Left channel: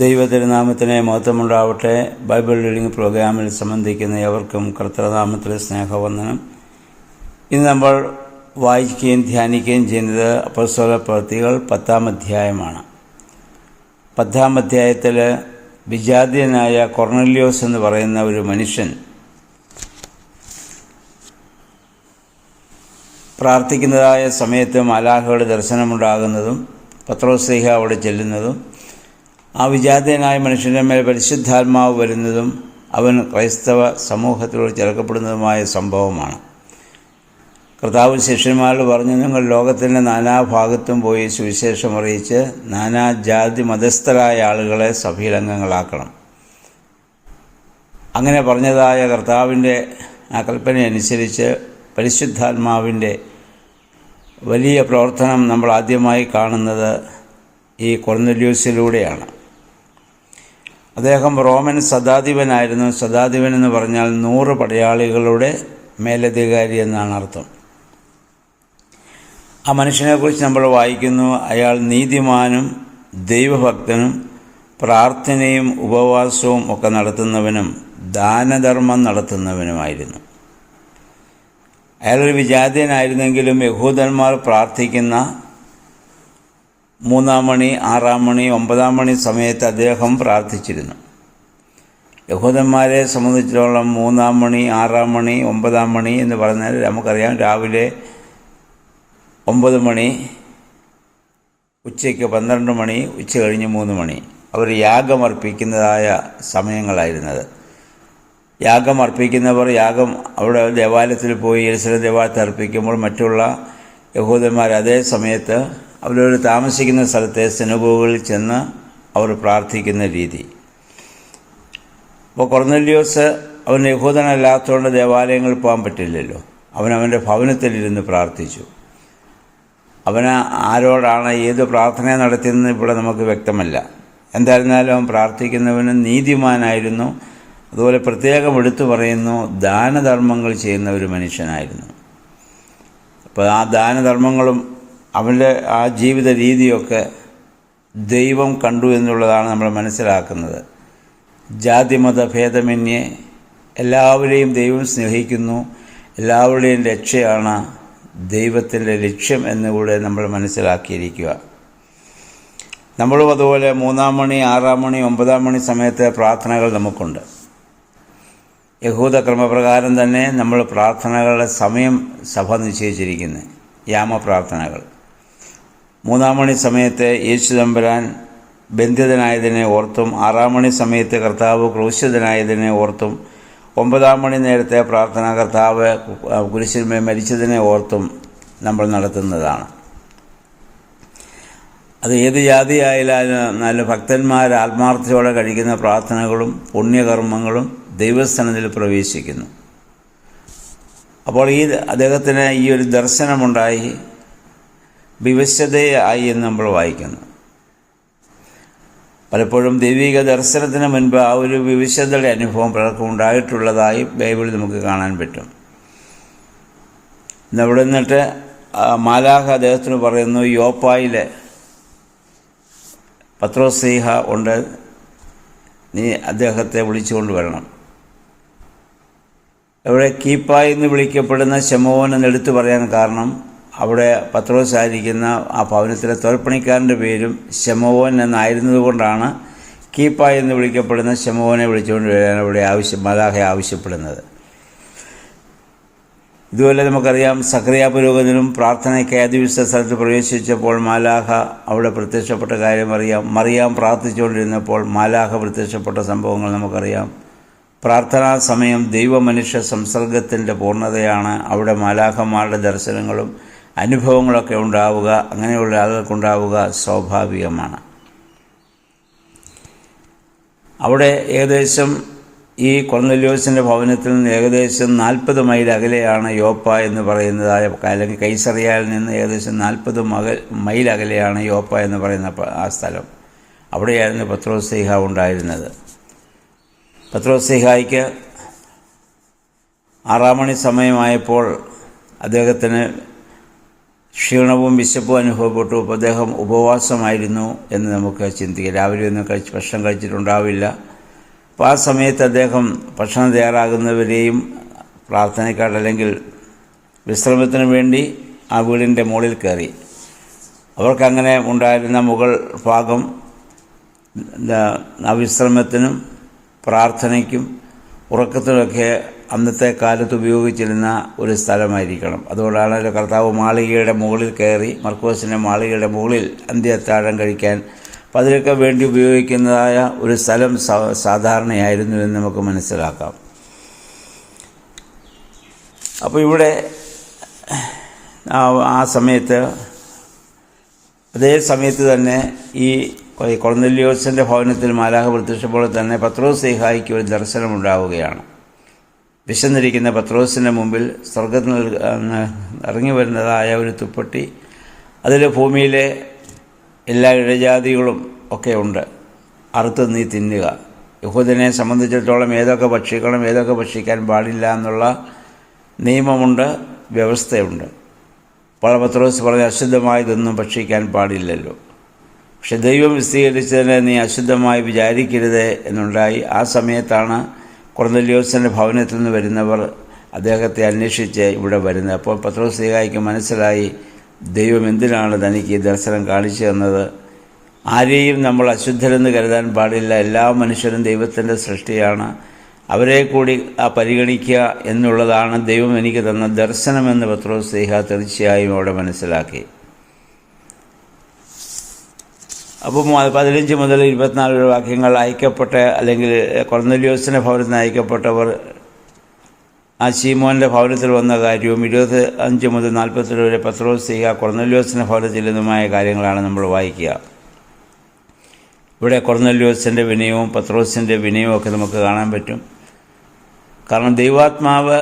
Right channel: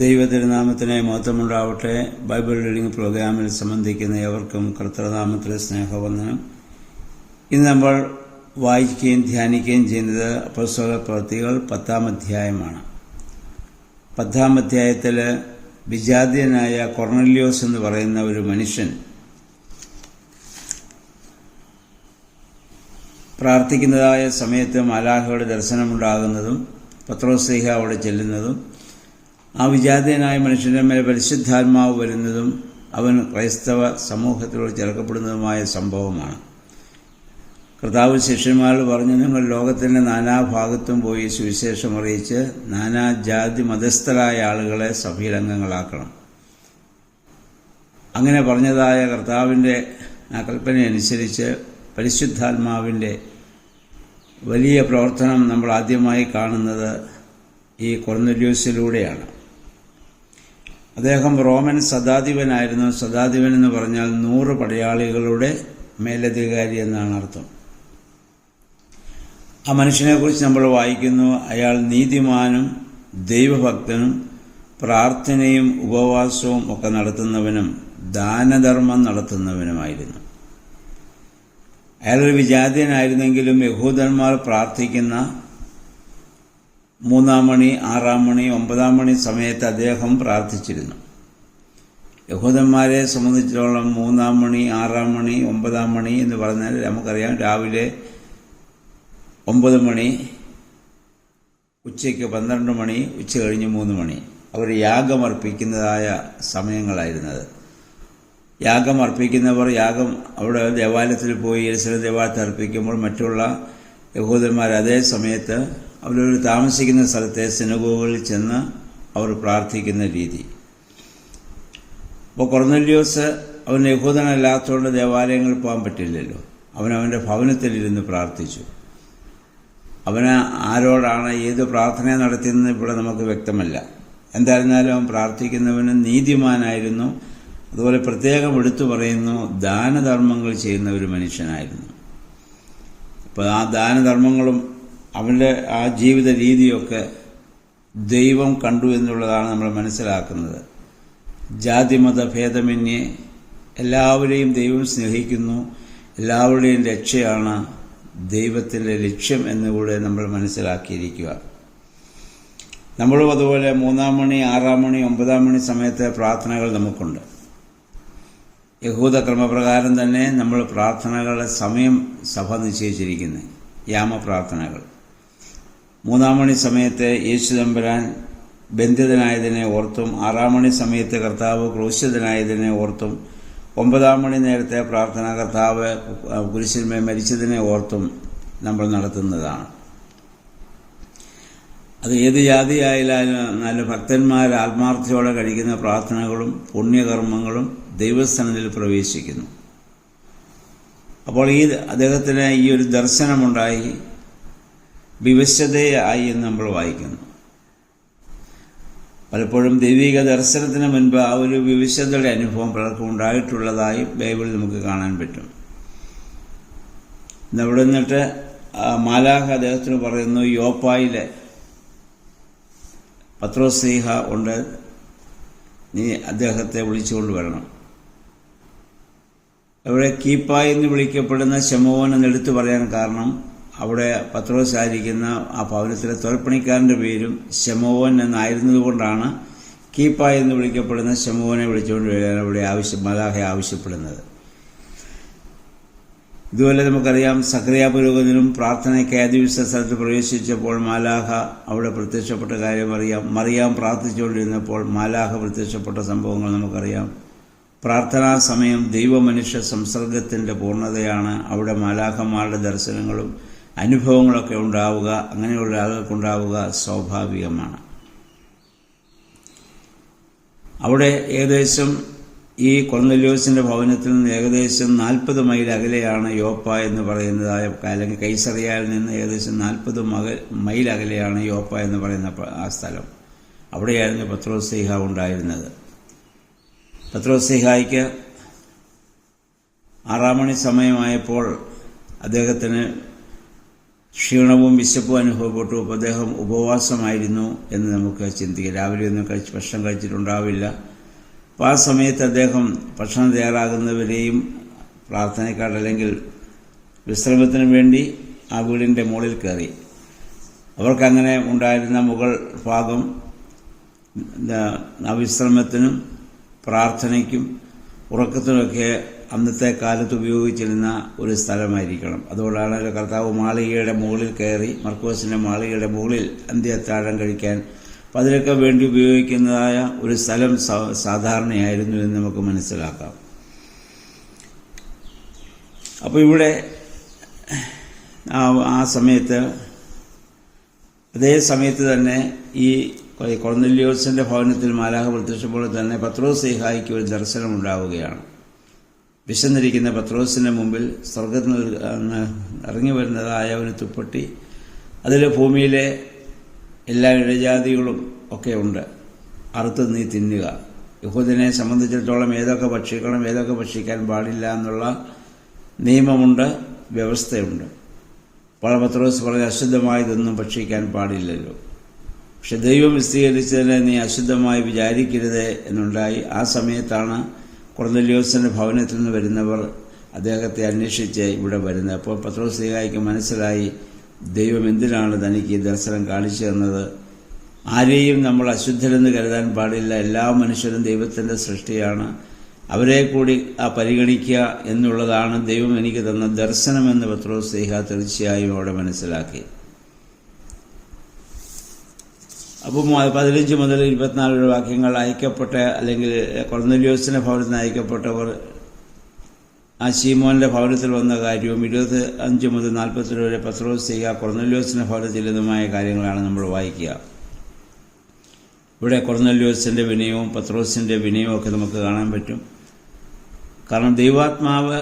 ദൈവതിരുനാമത്തിന് മഹത്വമുണ്ടാവട്ടെ. Bible reading പ്രോഗ്രാമിൽ സംബന്ധിക്കുന്ന ഏവർക്കും കർത്തൃനാമത്തിലെ സ്നേഹവന്ദനം. ഇന്ന് നമ്മൾ വായിക്കുകയും ധ്യാനിക്കുകയും ചെയ്യുന്നത് അപ്പോസ്തല പ്രവൃത്തികൾ 10-ാം അധ്യായമാണ്. 10-ാം അധ്യായത്തിൽ വിജാതീയനായ കൊർന്നല്യോസ് എന്ന് പറയുന്ന ഒരു മനുഷ്യൻ പ്രാർത്ഥിക്കുന്നതായ സമയത്ത് മാലാഖയുടെ ദർശനമുണ്ടാകുന്നതും പത്രോസ്ലീഹ അവിടെ ചെല്ലുന്നതും ആ വിജാതീയനായ മനുഷ്യൻ്റെ മേൽ പരിശുദ്ധാത്മാവ് വരുന്നതും അവൻ ക്രൈസ്തവ സമൂഹത്തിലൂടെ ചേർക്കപ്പെടുന്നതുമായ സംഭവമാണ്. കർത്താവ് ശിഷ്യന്മാരോട് പറഞ്ഞു, നിങ്ങൾ ലോകത്തിൻ്റെ നാനാഭാഗത്തും പോയി സുവിശേഷം അറിയിച്ച് നാനാജാതി മതസ്ഥരായ ആളുകളെ സഭയിലംഗങ്ങളാക്കണം. അങ്ങനെ പറഞ്ഞതായ കർത്താവിൻ്റെ ആ കൽപ്പനയനുസരിച്ച് പരിശുദ്ധാത്മാവിൻ്റെ വലിയ പ്രവർത്തനം നമ്മൾ ആദ്യമായി കാണുന്നത് ഈ കൊർന്നല്യോസിലൂടെയാണ്. അദ്ദേഹം റോമൻ ശതാധിപനായിരുന്നു. ശതാധിപൻ എന്ന് പറഞ്ഞാൽ 100 പടയാളികളുടെ മേലധികാരി എന്നാണ് അർത്ഥം. ആ മനുഷ്യനെക്കുറിച്ച് നമ്മൾ വായിക്കുന്നു, അയാൾ നീതിമാനും ദൈവഭക്തനും പ്രാർത്ഥനയും ഉപവാസവും ഒക്കെ നടത്തുന്നവനും ദാനധർമ്മം നടത്തുന്നവനുമായിരുന്നു. അയാളൊരു വിജാതീയനായിരുന്നെങ്കിലും യഹൂദന്മാർ പ്രാർത്ഥിക്കുന്ന 3-ാം മണി, 6-ാം മണി, 9-ാം മണി സമയത്ത് അദ്ദേഹം പ്രാർത്ഥിച്ചിരുന്നു. യഹൂദന്മാരെ സംബന്ധിച്ചിടത്തോളം 3-ാം മണി, 6-ാം മണി, 9-ാം മണി എന്ന് പറഞ്ഞാൽ നമുക്കറിയാം, രാവിലെ 9 മണി, ഉച്ചയ്ക്ക് 12 മണി, ഉച്ച കഴിഞ്ഞ് 3 മണി അവർ യാഗമർപ്പിക്കുന്നതായ സമയങ്ങളായിരുന്നത്. യാഗം അർപ്പിക്കുന്നവർ അവിടെ ദേവാലയത്തിൽ പോയി യെരുശലേം ദേവാലയത്തിൽ അർപ്പിക്കുമ്പോൾ മറ്റുള്ള യഹൂദന്മാർ അതേ സമയത്ത് അവരവർ താമസിക്കുന്ന സ്ഥലത്തെ സിനഗോഗുകളിൽ ചെന്ന് അവർ പ്രാർത്ഥിക്കുന്ന രീതി. അപ്പോൾ കൊർന്നല്യോസ് അവൻ യഹൂദനല്ലാത്തതുകൊണ്ട് ദേവാലയങ്ങളിൽ പോകാൻ പറ്റില്ലല്ലോ. അവനവൻ്റെ ഭവനത്തിലിരുന്ന് പ്രാർത്ഥിച്ചു. അവന് ആരോടാണ് ഏത് പ്രാർത്ഥന നടത്തിയെന്ന് ഇവിടെ നമുക്ക് വ്യക്തമല്ല. എന്തായിരുന്നാലും അവൻ പ്രാർത്ഥിക്കുന്നവന് നീതിമാനായിരുന്നു. അതുപോലെ പ്രത്യേകം എടുത്തു പറയുന്നു, ദാനധർമ്മങ്ങൾ ചെയ്യുന്ന ഒരു മനുഷ്യനായിരുന്നു. അപ്പോൾ ആ ദാനധർമ്മങ്ങളും അവൻ്റെ ആ ജീവിത രീതിയൊക്കെ ദൈവം കണ്ടു എന്നുള്ളതാണ് നമ്മൾ മനസ്സിലാക്കുന്നത്. ജാതിമത ഭേദമന്യേ എല്ലാവരെയും ദൈവം സ്നേഹിക്കുന്നു. എല്ലാവരുടെയും രക്ഷയാണ് ദൈവത്തിൻ്റെ ലക്ഷ്യം എന്നുകൂടെ നമ്മൾ മനസ്സിലാക്കിയിരിക്കുക. നമ്മളും അതുപോലെ 3-ാം മണി, 6-ാം മണി, 9-ാം മണി സമയത്തെ പ്രാർത്ഥനകൾ നമുക്കുണ്ട്. യഹൂദ ക്രമപ്രകാരം തന്നെ നമ്മൾ പ്രാർത്ഥനകളുടെ സമയം സഭ നിശ്ചയിച്ചിരിക്കുന്നത്, യാമപ്രാർത്ഥനകൾ. 3-ാം മണി സമയത്ത് യേശു തമ്പുരാൻ ബന്ധിതനായതിനെ ഓർത്തും 6-ാം മണി സമയത്ത് കർത്താവ് ക്രൂശിതനായതിനെ ഓർത്തും 9-ാം മണി നേരത്തെ പ്രാർത്ഥന കർത്താവ് കുരിശിന്മേൽ മരിച്ചതിനെ ഓർത്തും നമ്മൾ നടത്തുന്നതാണ്. അത് ഏത് ജാതിയായാലും നല്ല ഭക്തന്മാർ ആത്മാർത്ഥതയോടെ കഴിക്കുന്ന പ്രാർത്ഥനകളും പുണ്യകർമ്മങ്ങളും ദൈവസ്ഥാനത്തിൽ പ്രവേശിക്കുന്നു. അപ്പോൾ അദ്ദേഹത്തിന് ഈ ഒരു ദർശനമുണ്ടായി, വിവശതയായി എന്ന് നമ്മൾ വായിക്കുന്നു. പലപ്പോഴും ദൈവിക ദർശനത്തിന് മുൻപ് ആ ഒരു വിവശതയുടെ അനുഭവം പലർക്കും ഉണ്ടായിട്ടുള്ളതായി ബൈബിളിൽ നമുക്ക് കാണാൻ പറ്റും. അവിടെ നിന്നിട്ട് മാലാഖ അദ്ദേഹത്തിന് പറയുന്നു, യോപ്പായിലെ പത്രോസ്ലീഹ ഉണ്ട്, നീ അദ്ദേഹത്തെ വിളിച്ചുകൊണ്ട് വരണം. അവിടെ കീപ്പായി എന്ന് വിളിക്കപ്പെടുന്ന ശമോൻ എന്നെടുത്തു പറയാൻ കാരണം അവിടെ പത്രോസ് ആയിരിക്കുന്ന ആ ഭവനത്തിലെ തോൽപ്പണിക്കാരൻ്റെ പേരും ശമോൻ എന്നായിരുന്നത് കൊണ്ടാണ് കീപ്പായി എന്ന് വിളിക്കപ്പെടുന്ന ശമോനെ വിളിച്ചുകൊണ്ട് വരാൻ അവിടെ മാലാഖ ആവശ്യപ്പെടുന്നത്. ഇതുപോലെ നമുക്കറിയാം, സക്കറിയ പുരോഹിതനും പ്രാർത്ഥനയ്ക്ക് ഏതുവിശ സ്ഥലത്ത് പ്രവേശിച്ചപ്പോൾ മാലാഖ അവിടെ പ്രത്യക്ഷപ്പെട്ട കാര്യം അറിയാം. മറിയാം പ്രാർത്ഥിച്ചുകൊണ്ടിരുന്നപ്പോൾ മാലാഖ പ്രത്യക്ഷപ്പെട്ട സംഭവങ്ങൾ നമുക്കറിയാം. പ്രാർത്ഥനാ സമയം ദൈവമനുഷ്യ സംസർഗത്തിൻ്റെ പൂർണ്ണതയാണ്. അവിടെ മാലാഖമാരുടെ ദർശനങ്ങളും അനുഭവങ്ങളൊക്കെ ഉണ്ടാവുക, അങ്ങനെയുള്ള ആളുകൾക്കുണ്ടാവുക സ്വാഭാവികമാണ്. അവിടെ ഏകദേശം ഈ കൊർന്നല്യോസിൻ്റെ ഭവനത്തിൽ നിന്ന് ഏകദേശം 40 മൈൽ അകലെയാണ് യോപ്പ എന്ന് പറയുന്നതായ, അല്ലെങ്കിൽ കൈസറിയയിൽ നിന്ന് ഏകദേശം 40 മൈൽ അകലെയാണ് യോപ്പ എന്ന് പറയുന്ന ആ സ്ഥലം. അവിടെയായിരുന്നു പത്രോസ്ലീഹ ഉണ്ടായിരുന്നത്. പത്രോസ്ലീഹായ്ക്ക് 6-ാം മണി സമയമായപ്പോൾ അദ്ദേഹത്തിന് ക്ഷീണവും വിശപ്പും അനുഭവപ്പെട്ടു. അപ്പോൾ അദ്ദേഹം ഉപവാസമായിരുന്നു എന്ന് നമുക്ക് ചിന്തിക്കാം. രാവിലെ ഒന്നും ഭക്ഷണം കഴിച്ചിട്ടുണ്ടാവില്ല. അപ്പോൾ ആ സമയത്ത് അദ്ദേഹം ഭക്ഷണം തയ്യാറാകുന്നവരെയും പ്രാർത്ഥനയ്ക്കായിട്ട് അല്ലെങ്കിൽ വിശ്രമത്തിന് വേണ്ടി ആ വീടിൻ്റെ മുകളിൽ കയറി. അവർക്കങ്ങനെ ഉണ്ടായിരുന്ന മുകൾ ഭാഗം വിശ്രമത്തിനും പ്രാർത്ഥനയ്ക്കും ഉറക്കത്തിനുമൊക്കെ അന്നത്തെ കാലത്ത് ഉപയോഗിച്ചിരുന്ന ഒരു സ്ഥലമായിരിക്കണം. അതുകൊണ്ടാണ് കർത്താവ് മാളികയുടെ മുകളിൽ കയറി, മർക്കോസിൻ്റെ മാളികയുടെ മുകളിൽ അന്ത്യത്താഴം കഴിക്കാൻ അപ്പം അതിനൊക്കെ വേണ്ടി ഉപയോഗിക്കുന്നതായ ഒരു സ്ഥലം സാധാരണയായിരുന്നു എന്ന് നമുക്ക് മനസ്സിലാക്കാം. അപ്പോൾ ഇവിടെ ആ സമയത്ത് അതേ സമയത്ത് തന്നെ ഈ കൊർന്നേലിയോസിൻ്റെ ഭവനത്തിൽ മാലാഖ പ്രത്യക്ഷപ്പോൾ തന്നെ പത്രോസ് ശ്ലീഹായ്ക്ക് ഒരു ദർശനമുണ്ടാവുകയാണ്. വിശന്നിരിക്കുന്ന പത്രോസിൻ്റെ മുമ്പിൽ സ്വർഗ്ഗത്തിൽ നിന്ന് ഇറങ്ങി വരുന്നതായ ഒരു തുപ്പട്ടി, അതിൽ ഭൂമിയിലെ എല്ലാ ഇഴജാതികളും ഒക്കെ ഉണ്ട്, അറുത്ത് നീ തിന്നുക. യഹൂദനെ സംബന്ധിച്ചിടത്തോളം ഏതൊക്കെ ഭക്ഷിക്കണം, ഏതൊക്കെ ഭക്ഷിക്കാൻ പാടില്ല എന്നുള്ള നിയമമുണ്ട്, വ്യവസ്ഥയുണ്ട്. അപ്പോൾ പത്രോസ് പറഞ്ഞ് അശുദ്ധമായതൊന്നും ഭക്ഷിക്കാൻ പാടില്ലല്ലോ. പക്ഷെ ദൈവം വിശദീകരിച്ചതിനെ നീ അശുദ്ധമായി വിചാരിക്കരുത് എന്നുണ്ടായി. ആ സമയത്താണ് കൊർന്നേലിയോസിൻ്റെ ഭവനത്തിൽ നിന്ന് വരുന്നവർ അദ്ദേഹത്തെ അന്വേഷിച്ച് ഇവിടെ വരുന്നത്. അപ്പോൾ പത്രോസ് ശ്ലീഹായ്ക്ക് മനസ്സിലായി ദൈവം എന്തിനാണ് തനിക്ക് ഈ ദർശനം കാണിച്ചു തന്നത്. ആരെയും നമ്മൾ അശുദ്ധരെന്ന് കരുതാൻ പാടില്ല. എല്ലാ മനുഷ്യരും ദൈവത്തിൻ്റെ സൃഷ്ടിയാണ്. അവരെ കൂടി പരിഗണിക്കുക എന്നുള്ളതാണ് ദൈവം എനിക്ക് തന്ന ദർശനമെന്ന് പത്രോസ് ശ്ലീഹാ തീർച്ചയായും അവിടെ മനസ്സിലാക്കി. അപ്പം 15 മുതൽ 24 വാക്യങ്ങൾ അയക്കപ്പെട്ട അല്ലെങ്കിൽ കൊർന്നേലിയോസിൻ്റെ ഭവനത്തിൽ നിന്ന് അയക്കപ്പെട്ടവർ ആ ശീമോൻ്റെ ഭവനത്തിൽ വന്ന കാര്യവും 25 മുതൽ 40 വരെ പത്രോസ് ശ്ലീഹാ കൊർന്നേലിയോസിൻ്റെ ഭവനത്തിൽ നിന്നുമായ കാര്യങ്ങളാണ് നമ്മൾ വായിക്കുക. ഇവിടെ കൊർന്നേലിയോസിൻ്റെ വിനയവും പത്രോസിൻ്റെ വിനയവും ഒക്കെ നമുക്ക് കാണാൻ പറ്റും. കാരണം ദൈവാത്മാവ്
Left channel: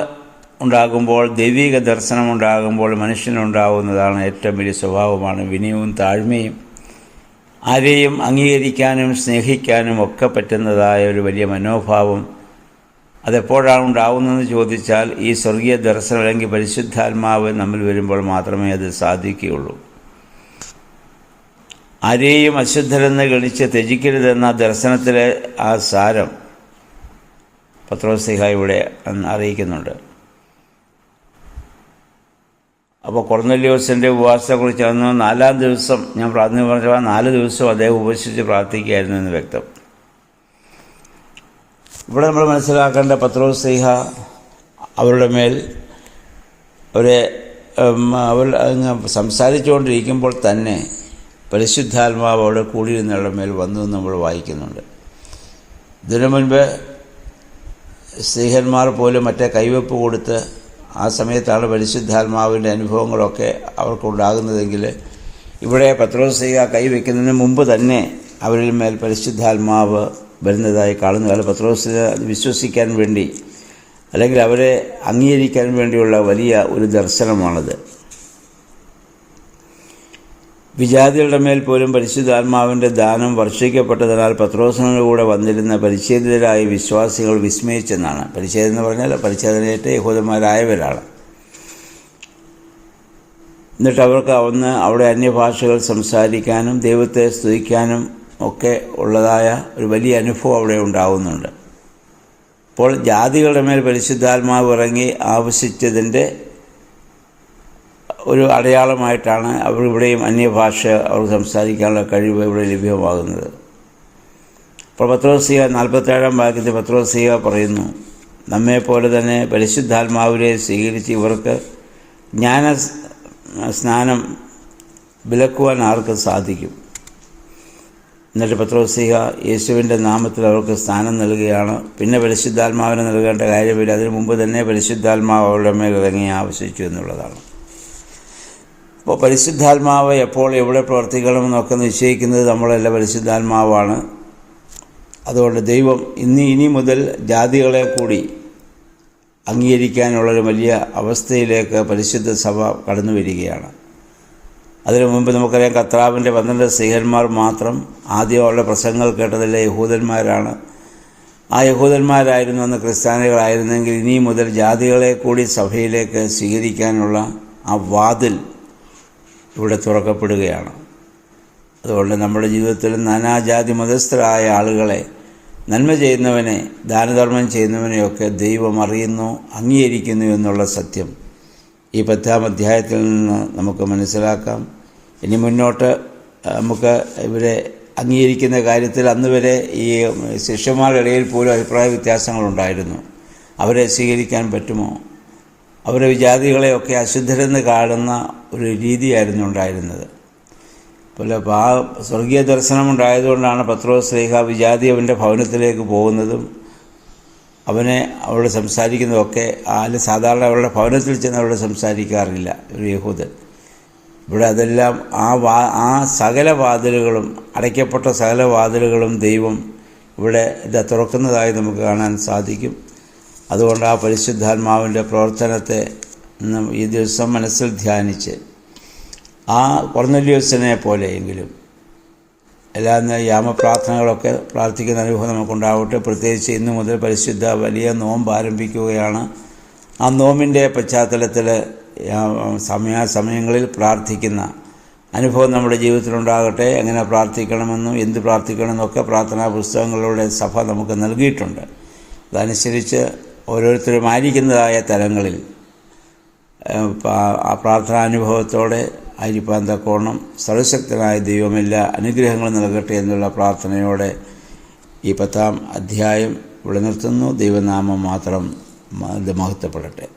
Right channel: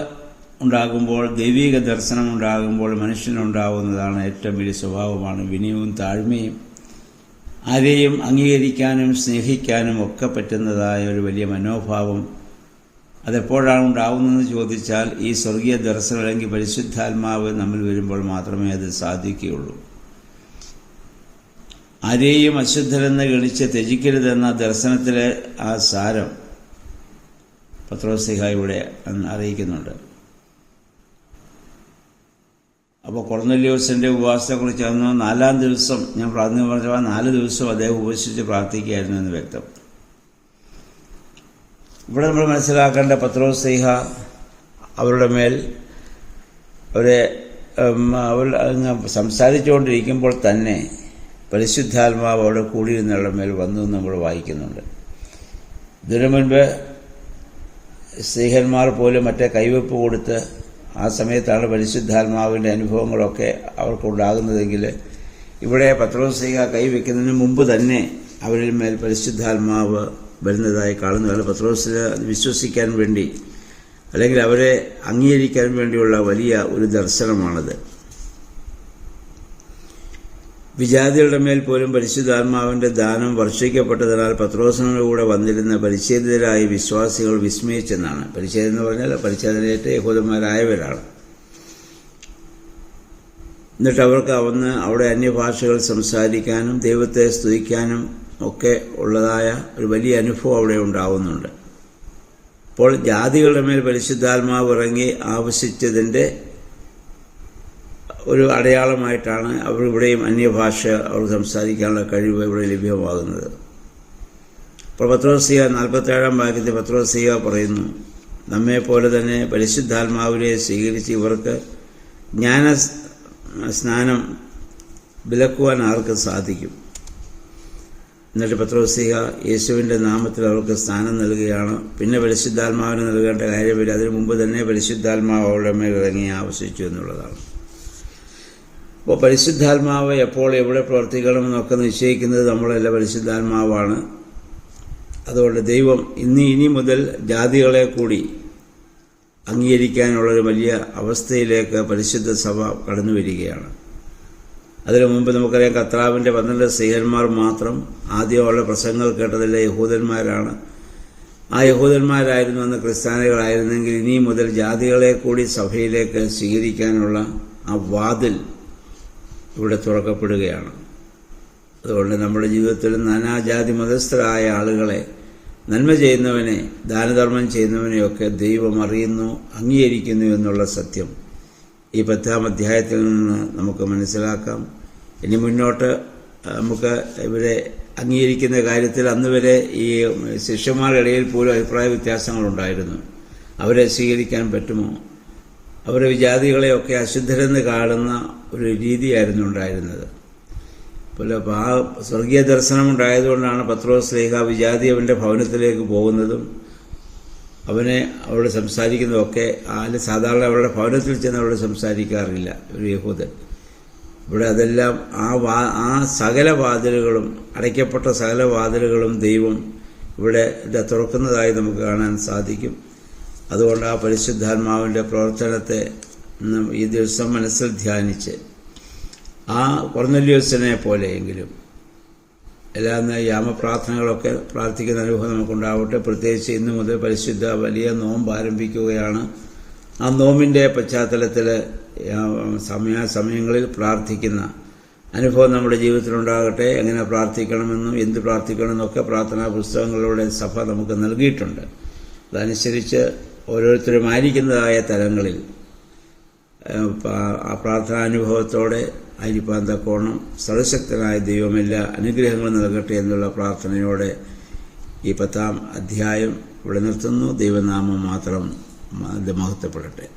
ഉണ്ടാകുമ്പോൾ, ദൈവിക ദർശനം ഉണ്ടാകുമ്പോൾ മനുഷ്യനുണ്ടാവുന്നതാണ് ഏറ്റവും വലിയ സ്വഭാവമാണ് വിനയവും താഴ്മയും. ആരെയും അംഗീകരിക്കാനും സ്നേഹിക്കാനും ഒക്കെ പറ്റുന്നതായ ഒരു വലിയ മനോഭാവം. അതെപ്പോഴാണ് ഉണ്ടാവുന്നതെന്ന് ചോദിച്ചാൽ ഈ സ്വർഗീയ ദർശനം അല്ലെങ്കിൽ പരിശുദ്ധാത്മാവ് നമ്മൾ വരുമ്പോൾ മാത്രമേ അത് സാധിക്കുകയുള്ളൂ. ആരെയും അശുദ്ധരെന്ന് ഗണിച്ച് ത്യജിക്കരുതെന്ന ദർശനത്തിലെ ആ സാരം പത്രോസ് ശ്ലീഹാ ഇവിടെ അറിയിക്കുന്നുണ്ട്. അപ്പോൾ കൊർന്നേലിയോസിൻ്റെ ഉപവാസത്തെക്കുറിച്ച് അന്ന് 4-ാം ദിവസം ഞാൻ പ്രാർത്ഥന പറഞ്ഞ 4 ദിവസവും അദ്ദേഹം ഉപവസിച്ച് പ്രാർത്ഥിക്കുകയായിരുന്നു എന്ന് വ്യക്തം. ഇവിടെ നമ്മൾ മനസ്സിലാക്കേണ്ട പത്രോസ് ശ്ലീഹാ അവരുടെ മേൽ അവർ സംസാരിച്ചുകൊണ്ടിരിക്കുമ്പോൾ തന്നെ പരിശുദ്ധാത്മാവ് അവിടെ കൂടിയിരുന്നവരുടെ മേൽ വന്നു എന്ന് നമ്മൾ വായിക്കുന്നുണ്ട്. ഇതിനു മുൻപ് സ്ത്രീഹന്മാർ പോലും മറ്റേ കൈവെപ്പ് കൊടുത്ത് ആ സമയത്താണ് പരിശുദ്ധാത്മാവിൻ്റെ അനുഭവങ്ങളൊക്കെ അവർക്കുണ്ടാകുന്നതെങ്കിൽ ഇവിടെ പത്രോസ് ശ്ലീഹാ കൈവയ്ക്കുന്നതിന് മുമ്പ് തന്നെ അവരിൽ മേൽ പരിശുദ്ധാത്മാവ് വരുന്നതായി കാണുന്നു. അത് പത്രോസിനെ വിശ്വസിക്കാൻ വേണ്ടി അല്ലെങ്കിൽ അവരെ അംഗീകരിക്കാൻ വേണ്ടിയുള്ള വലിയ ഒരു ദർശനമാണത്. വിജാതികളുടെ മേൽ പോലും പരിശുദ്ധാത്മാവിൻ്റെ ദാനം വർഷിക്കപ്പെട്ടതിനാൽ പത്രോസിനോടുകൂടെ വന്നിരുന്ന പരിച്ഛേദിതരായ വിശ്വാസികൾ വിസ്മയിച്ചെന്നാണ്. പരിച്ഛേദം എന്ന് പറഞ്ഞാൽ പരിച്ഛേദനയേറ്റ യഹൂദന്മാരായവരാണ്. എന്നിട്ട് അവർക്ക് അവിടെ അന്യഭാഷകൾ സംസാരിക്കാനും ദൈവത്തെ സ്തുതിക്കാനും ഒക്കെ ഉള്ളതായ ഒരു വലിയ അനുഭവം അവിടെ ഉണ്ടാവുന്നുണ്ട്. അപ്പോൾ ജാതികളുടെ മേൽ പരിശുദ്ധാത്മാവ് ഇറങ്ങി ആവശ്യിച്ചതിൻ്റെ ഒരു അടയാളമായിട്ടാണ് ഇവിടെയും അന്യഭാഷ അവർ സംസാരിക്കാനുള്ള കഴിവ് ഇവിടെ ലഭ്യമാകുന്നത്. അപ്പോൾ പത്രോസ് ശ്ലീഹാ 47-ാം വാക്യത്തിൽ പത്രോസ് ശ്ലീഹാ പറയുന്നു, നമ്മെപ്പോലെ തന്നെ പരിശുദ്ധാത്മാവിനെ സ്വീകരിച്ച് ഇവർക്ക് ജ്ഞാന സ്നാനം വിലക്കുവാൻ ആർക്ക് സാധിക്കും. എന്നിട്ട് പത്രോസ് ശ്ലീഹാ യേശുവിൻ്റെ നാമത്തിൽ അവർക്ക് സ്ഥാനം നൽകുകയാണ്. പിന്നെ പരിശുദ്ധാത്മാവിനെ നൽകേണ്ട കാര്യമില്ല. അതിനു മുമ്പ് തന്നെ പരിശുദ്ധാത്മാവ് അവരുടെ മേൽ ഇറങ്ങി ആവശ്യിച്ചു എന്നുള്ളതാണ്. അപ്പോൾ പരിശുദ്ധാത്മാവ് എപ്പോൾ എവിടെ പ്രവർത്തിക്കണമെന്നൊക്കെ നിശ്ചയിക്കുന്നത് നമ്മളല്ല, പരിശുദ്ധാത്മാവാണ്. അതുകൊണ്ട് ദൈവം ഇനി മുതൽ ജാതികളെ കൂടി അംഗീകരിക്കാനുള്ളൊരു വലിയ അവസ്ഥയിലേക്ക് പരിശുദ്ധ സഭ കടന്നു വരികയാണ്. അതിനു മുമ്പ് നമുക്കറിയാം കർത്താവിൻ്റെ 12 സ്ത്രീഹന്മാർ മാത്രം ആദ്യമുള്ള പ്രസംഗങ്ങൾ കേട്ടതല്ല യഹൂദന്മാരാണ്. ആ യഹൂദന്മാരായിരുന്നു അന്ന് ക്രിസ്ത്യാനികളായിരുന്നെങ്കിൽ ഇനി മുതൽ ജാതികളെ കൂടി സഭയിലേക്ക് സ്വീകരിക്കാനുള്ള ആ വാതിൽ ഇവിടെ തുറക്കപ്പെടുകയാണ്. അതുകൊണ്ട് നമ്മുടെ ജീവിതത്തിൽ നാനാജാതി മതസ്ഥരായ ആളുകളെ, നന്മ ചെയ്യുന്നവനെ, ദാനധർമ്മം ചെയ്യുന്നവനെയൊക്കെ ദൈവം അറിയുന്നു, അംഗീകരിക്കുന്നു എന്നുള്ള സത്യം ഈ 10-ാം അധ്യായത്തിൽ നിന്ന് നമുക്ക് മനസ്സിലാക്കാം. ഇനി മുന്നോട്ട് നമുക്ക് ഇവരെ അംഗീകരിക്കുന്ന കാര്യത്തിൽ അന്ന് വരെ ഈ ശിഷ്യന്മാരുടെ ഇടയിൽ പോലും അഭിപ്രായ വ്യത്യാസങ്ങളുണ്ടായിരുന്നു. അവരെ സ്വീകരിക്കാൻ പറ്റുമോ? അവരെ വിജാതികളെയൊക്കെ അശുദ്ധരെന്ന് കാണുന്ന ഒരു രീതിയായിരുന്നു ഉണ്ടായിരുന്നത്. പോലെ ആ സ്വർഗീയ ദർശനമുണ്ടായതുകൊണ്ടാണ് പത്രോസ് ശ്ലീഹ വിജാതി അവൻ്റെ ഭവനത്തിലേക്ക് പോകുന്നതും അവനെ അവിടെ സംസാരിക്കുന്നതൊക്കെ. സാധാരണ അവരുടെ ഭവനത്തിൽ ചെന്ന് അവിടെ സംസാരിക്കാറില്ല ഒരു യഹൂദൻ. ഇവിടെ അതെല്ലാം ആ സകല വാതിലുകളും, അടയ്ക്കപ്പെട്ട സകല വാതിലുകളും ദൈവം ഇവിടെ തുറക്കുന്നതായി നമുക്ക് കാണാൻ സാധിക്കും. അതുകൊണ്ട് ആ പരിശുദ്ധാത്മാവിൻ്റെ പ്രവർത്തനത്തെ ഈ ദിവസം മനസ്സിൽ ധ്യാനിച്ച് ആ കൊർന്നല്യോസിനെ പോലെയെങ്കിലും എല്ലാ യാമപ്രാർത്ഥനകളൊക്കെ പ്രാർത്ഥിക്കുന്ന അനുഭവം നമുക്കുണ്ടാവട്ടെ. പ്രത്യേകിച്ച് ഇന്നു മുതൽ പരിശുദ്ധ വലിയ നോമ്പ് ആരംഭിക്കുകയാണ്. ആ നോമ്പിൻ്റെ പശ്ചാത്തലത്തിൽ സമയങ്ങളിൽ പ്രാർത്ഥിക്കുന്ന അനുഭവം നമ്മുടെ ജീവിതത്തിലുണ്ടാകട്ടെ. എങ്ങനെ പ്രാർത്ഥിക്കണമെന്നും എന്ത് പ്രാർത്ഥിക്കണമെന്നൊക്കെ പ്രാർത്ഥനാ പുസ്തകങ്ങളിലൂടെ സഭ നമുക്ക് നൽകിയിട്ടുണ്ട്. അതനുസരിച്ച് ഓരോരുത്തരും ആയിരിക്കുന്നതായ തലങ്ങളിൽ ആ പ്രാർത്ഥനാനുഭവത്തോടെ ആയിരിക്കാൻ തക്കോണം സർവശക്തനായ ദൈവമെല്ലാ അനുഗ്രഹങ്ങളും നൽകട്ടെ എന്നുള്ള പ്രാർത്ഥനയോടെ ഈ 10-ാം അധ്യായം ഇവിടെ നിർത്തുന്നു. ദൈവനാമം മാത്രം മഹത്വപ്പെടട്ടെ.